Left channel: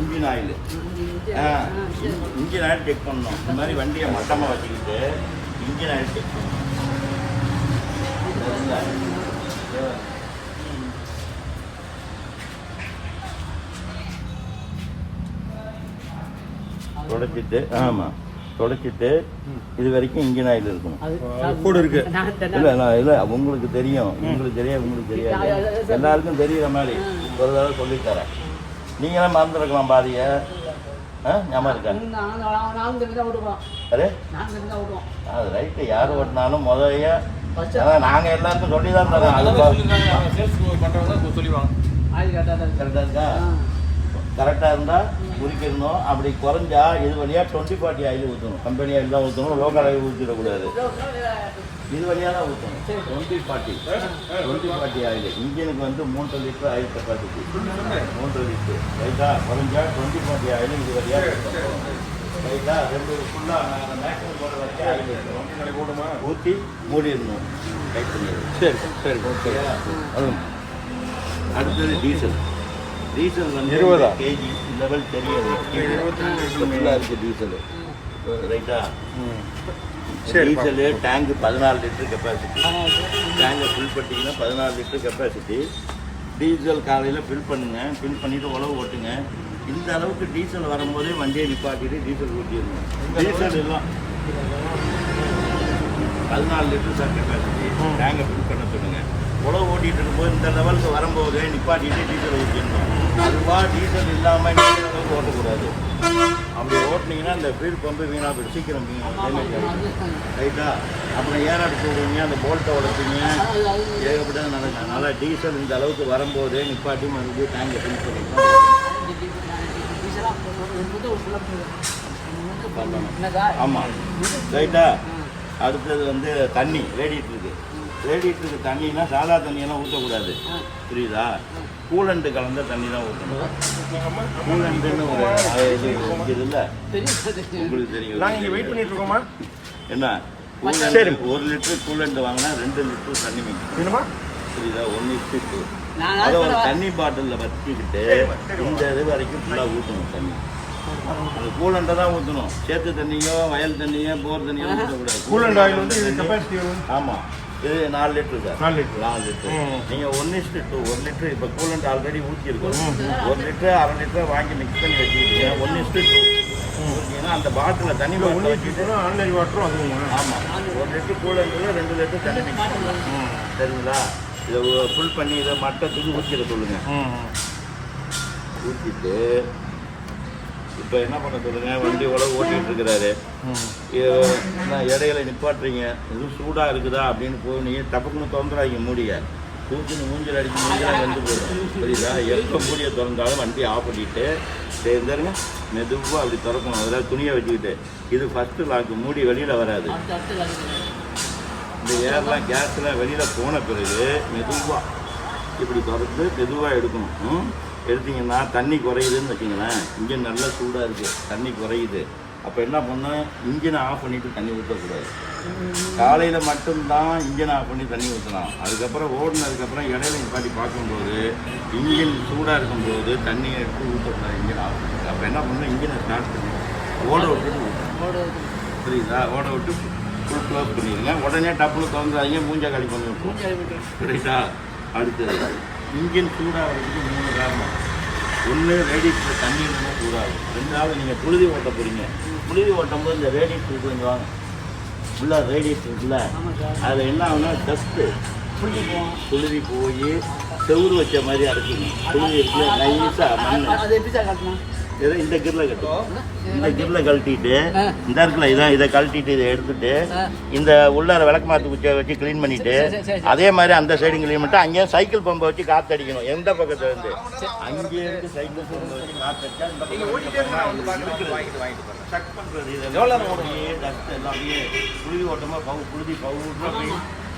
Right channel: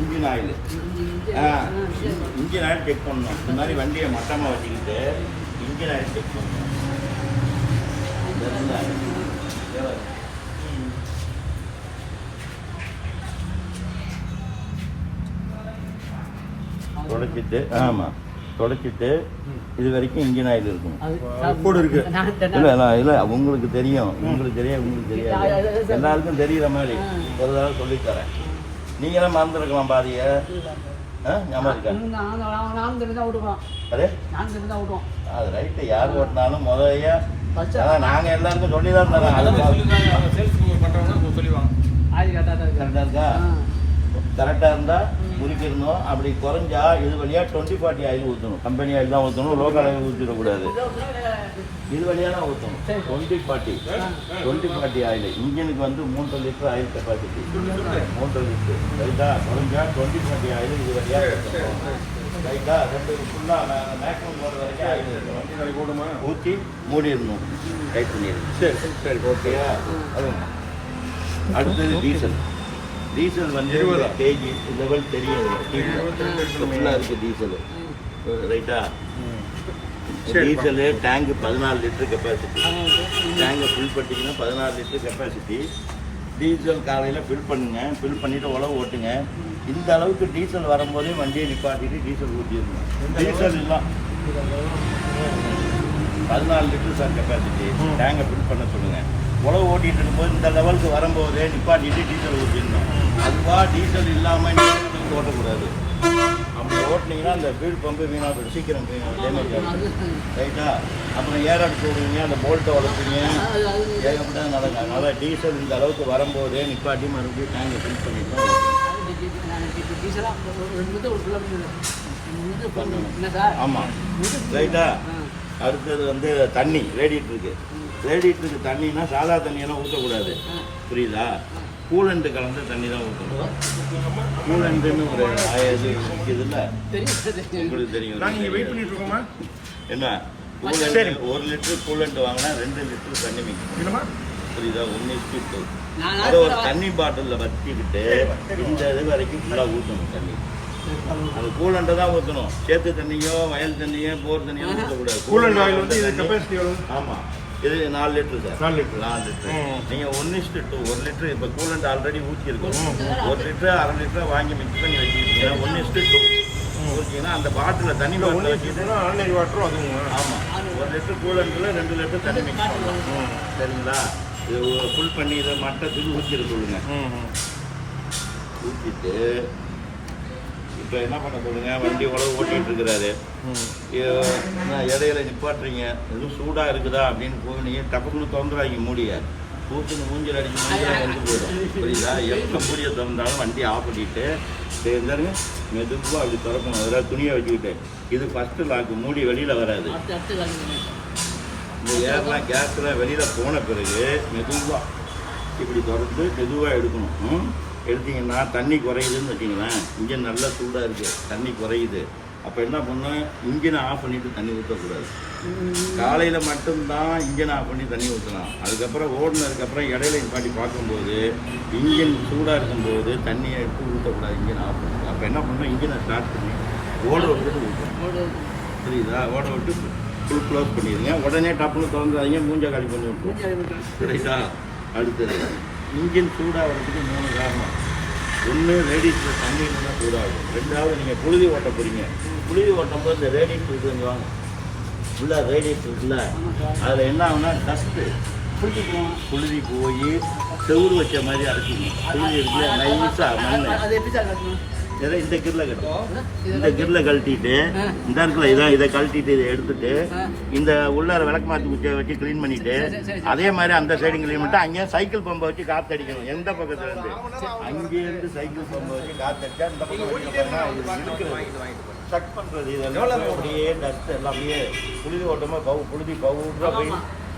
Engine oil. Engine oil check பண்ணணும். இந்த மாதிரி வண்டியை மட்டமாக வச்சுக்கிட்டு இன்ஜின் ஆயில் செக் பண்ணணும். தொடச்சிட்டு தொடச்சிட்டு இது வரைக்கும் இன்ஜின் ஆயில் இருக்கணும். கூட இருக்கு. இல்லை உங்களுக்கு தெரியும், உங்களுக்கு தெரியாது, எல்லாருக்கும் தெரியுற மாதிரி ஒரு தடவை சொல்லித்தரேன். நீங்களும் மறந்துருக்கலாம் பாதியை. ஞாபகம் இருக்கா? அதே அது ரைட்டு. யார் ஓட்டினாலும் முதலையா நாங்கள் எல்லாருக்கும் சொல்லி தான் தரோம். அது கரெக்டாக இருக்கா? கரெக்டாக இருந்தால் முறிக்கணும். அப்படி குறைஞ்சா இது வழியாக 20-40 ஆயில் ஊற்றணும். கம்பெனி ஆயில் தான் ஊற்றணும், லோக்கல் ஆயில் ஊற்றிடக்கூடாது. இது வழியாக தான் ஊற்றணும். 20-40 ஆயில். இன்ஜினுக்கு வந்து 3 லிட்டர் ஆயில் கெப்பாசிட்டி. 3 லிட்டர் ரைட்டா? குறைஞ்சா 20-40 ஆயில் இது வழியாக ஊற்றணும். ரைட்டா? 2 ஃபுல்லாக மேக்ஸிமம் போடுற வரைக்கும் ஆயில் இருக்கணும். ஊற்றி மூடிடணும். டைட் பண்ணிடணும். சரி ஓகேயா? அடுத்தது டீசல். டீசல் வந்து கேஜி லெவல் தெரியாது. ஃபுல்லாக இருக்குது டீசலு. ரைட்டா? Diesel tank 14 litre capacity. டேங்கை ஃபில் பண்ணிட்டீங்கன்னா 14 லிட்டர் கெப்பாசிட்டி. டீசல் காலையில் ஃபில் பண்ணுங்கள். ஃபில் பண்ணிவிட்டு உழவு ஓட்டுங்க. இந்த அளவுக்கு டீசல் வரும்போதே வண்டியை நிப்பாட்டிட்டு டீசல் ஊற்றிடணும். டீசல் எல்லாம் 14 லிட்டர் சார் கெப்பாசிட்டி. டேங்கை ஃபில் பண்ண சொல்லுங்கள். உழவு ஓட்டிகிட்டு இருக்கும்போது இந்த லெவலுக்கு வரும்போது நிப்பாட்டிட்டு டீசல் ஊற்றிடணும். அதுபா டீசல் இல்லாமல் ஓட்டக்கூடாது. அப்படி ஓட்டினீங்கன்னா அந்த ஃபீல்டு பம்பு வீணாக போய்ட்டு சீக்கிரம் டேமேஜ் ஆகிடும். ரைட்டா? அப்புறம் ஏர் அடிச்சு விடுவீங்க, அந்த போல்ட்டை உழைப்பீங்க, ஏகப்பட்டது நடக்கும். அதனால் டீசல் இந்த அளவுக்கு வரும்போது நிப்பாட்டி மறுபடியும் டேங்கை ஃபில் பண்ணிக்கலாம். ஆமாம் ரைட்டா? அடுத்தது வந்து தண்ணி ரேடியேட்டருக்கு. ரேடியேட்டருக்கு தண்ணின்னா சாதா தண்ணியெல்லாம் ஊற்றக்கூடாது. புரியுதா? கூலண்டு கலந்த தண்ணி தான் ஊற்றணும். கூலண்டுன்னு ஒரு இது இருக்குதுல்ல, உங்களுக்கு தெரியும். என்ன கூலண்டு? 1 லிட்டரு கூலண்டு வாங்கினா 2 லிட்டரு தண்ணி மிக்ஸ். புரியுதா? 1:2. அதை ஒரு தண்ணி பாட்டிலில் வச்சுக்கிட்டு இந்த இது வரைக்கும் ஃபுல்லாக ஊற்றணும் தண்ணி. அது கூலண்டை தான் ஊற்றணும். சேத்து தண்ணியோ வயல் தண்ணியோ போர் தண்ணியோ ஊற்றக்கூடாது. ஆமாம். இது 4 லிட்டரு சார். 4 லிட்டரு. நீங்கள் 1:2 1 லிட்டரு. இப்போ கூலண்ட் ஆல்ரெடி ஊற்றிருக்கோம். 1 லிட்டரு 1/2 லிட்டரை வாங்கி மிக்ஸ் பண்ணி வச்சுக்கிட்டீங்கன்னா 1:2 ஊற்றிங்கன்னா அந்த பாட்டில் தண்ணி பாட்டில் வச்சுக்கிட்டு ஆமாம் 1 லிட்டரு கூலண்டில் 2 லிட்டரு தண்ணி மிக்ஸ் பண்ணணும். சரிங்களா? இதை ஃபுல் பண்ணி இதை மட்டத்துக்கு ஊற்றிட சொல்லுங்கள். ஊற்றிட்டு இப்போ என்ன பண்ண சொல்லுங்க, வண்டி உழவு ஓட்டிகிட்டு இருக்கிறாரு. இடையில நிப்பாட்டுறீங்க, எதுவும் சூடாக இருக்குதா அப்படின்னு போய் நீங்கள் டப்புக்குன்னு திறந்துடாதீங்க. மூடிய ஊற்றுன்னு மூஞ்சில் அடிக்க மூஞ்சிலாம் வந்து போயிடும். புரியுதா? எப்போ மூடியை திறந்தாலும் வண்டி ஆஃப் பண்ணிட்டு இருந்தாருங்க மெதுவாக அப்படி திறக்கணும். அதில் துணியை வச்சுக்கிட்டு இது ஃபஸ்ட்டு லாக்கு. மூடி வெளியில் வராது. இந்த ஏர்லாம் கேஸ்லாம் வெளியில் போன பிறகு மெதுவாக இப்படி திறந்து மெதுவாக எடுக்கணும். எடுத்தீங்கன்னா தண்ணி குறையுதுன்னு வச்சிங்களேன். இன்ஜின் நல்லா சூடாக இருக்குது, தண்ணி குறையுது. அப்போ என்ன பண்ணால் இன்ஜினை ஆஃப் பண்ணிவிட்டு தண்ணி ஊற்றக்கூடாது. காலையில் மட்டும்தான் இன்ஜினை ஆஃப் பண்ணி தண்ணி ஊற்றலாம். அதுக்கப்புறம் ஓடினதுக்கப்புறம் இடையில நிப்பாட்டி பார்க்கும்போது இன்ஜின் சூடாக இருக்கும்போது தண்ணியை எடுத்து ஊற்றக்கூடாது. இன்ஜின் ஆஃப் பண்ணி அப்போ என்ன பண்ணணும், இன்ஜினை ஸ்டார்ட் பண்ணி ஓட விட்டுட்டு ஊற்றணும். புரியுதா? ஓட விட்டு ஃபுல் க்ளோஸ் பண்ணிடுங்க. உடனே டப்புன்னு திறந்துடாதீங்க, மூஞ்சை காலி பண்ணி விட்டுரும். புரியுதா? அடுத்தது இன்ஜின் சூடாகிறதுக்கு 3 காரணம். 1 ரேடியேட்டர் தண்ணி இருந்தால் சூடாகும். 2வது நீங்கள் புழுதி ஓட்ட போகிறீங்க. புழுதி ஓட்டும் போது இந்த ரேடியேட்டர் கொஞ்சம் வாங்க ஃபுல்லாக ரேடியேட்டர் இருக்குல்ல, அதில் என்ன ஆகுனா டஸ்ட்டு புழுதி போய் செவுறு வச்ச மாதிரி அரைச்சிக்கணும். புழுதி இருக்குல்ல நைஸாக மண் இதை இந்த கிரில் கட்டும். இந்த கிரில் கழட்டிட்டு இந்த இருக்குல்ல இதை கழட்டிட்டு இதை எடுத்துட்டு இந்த உள்ளார விளக்கு மாற்று குச்சியை வச்சு க்ளீன் பண்ணிவிட்டு அதே மாதிரி அந்த சைடும் க்ளீன் பண்ணிட்டு அங்கேயே சைக்கிள் பம்பை வச்சு காற்றடிக்கணும். எந்த பக்கத்தில் இருந்து அங்கேயிருந்து சைக்கிள் பம்பை வச்சு காற்றடிச்சா இந்த பக்கம் செக் பண்ணுறது. இதெல்லாம் அப்படியே டஸ்ட் எல்லாம் அப்படியே புழுதி ஓட்டமாக புழுதி பவுட்ரு அப்படியே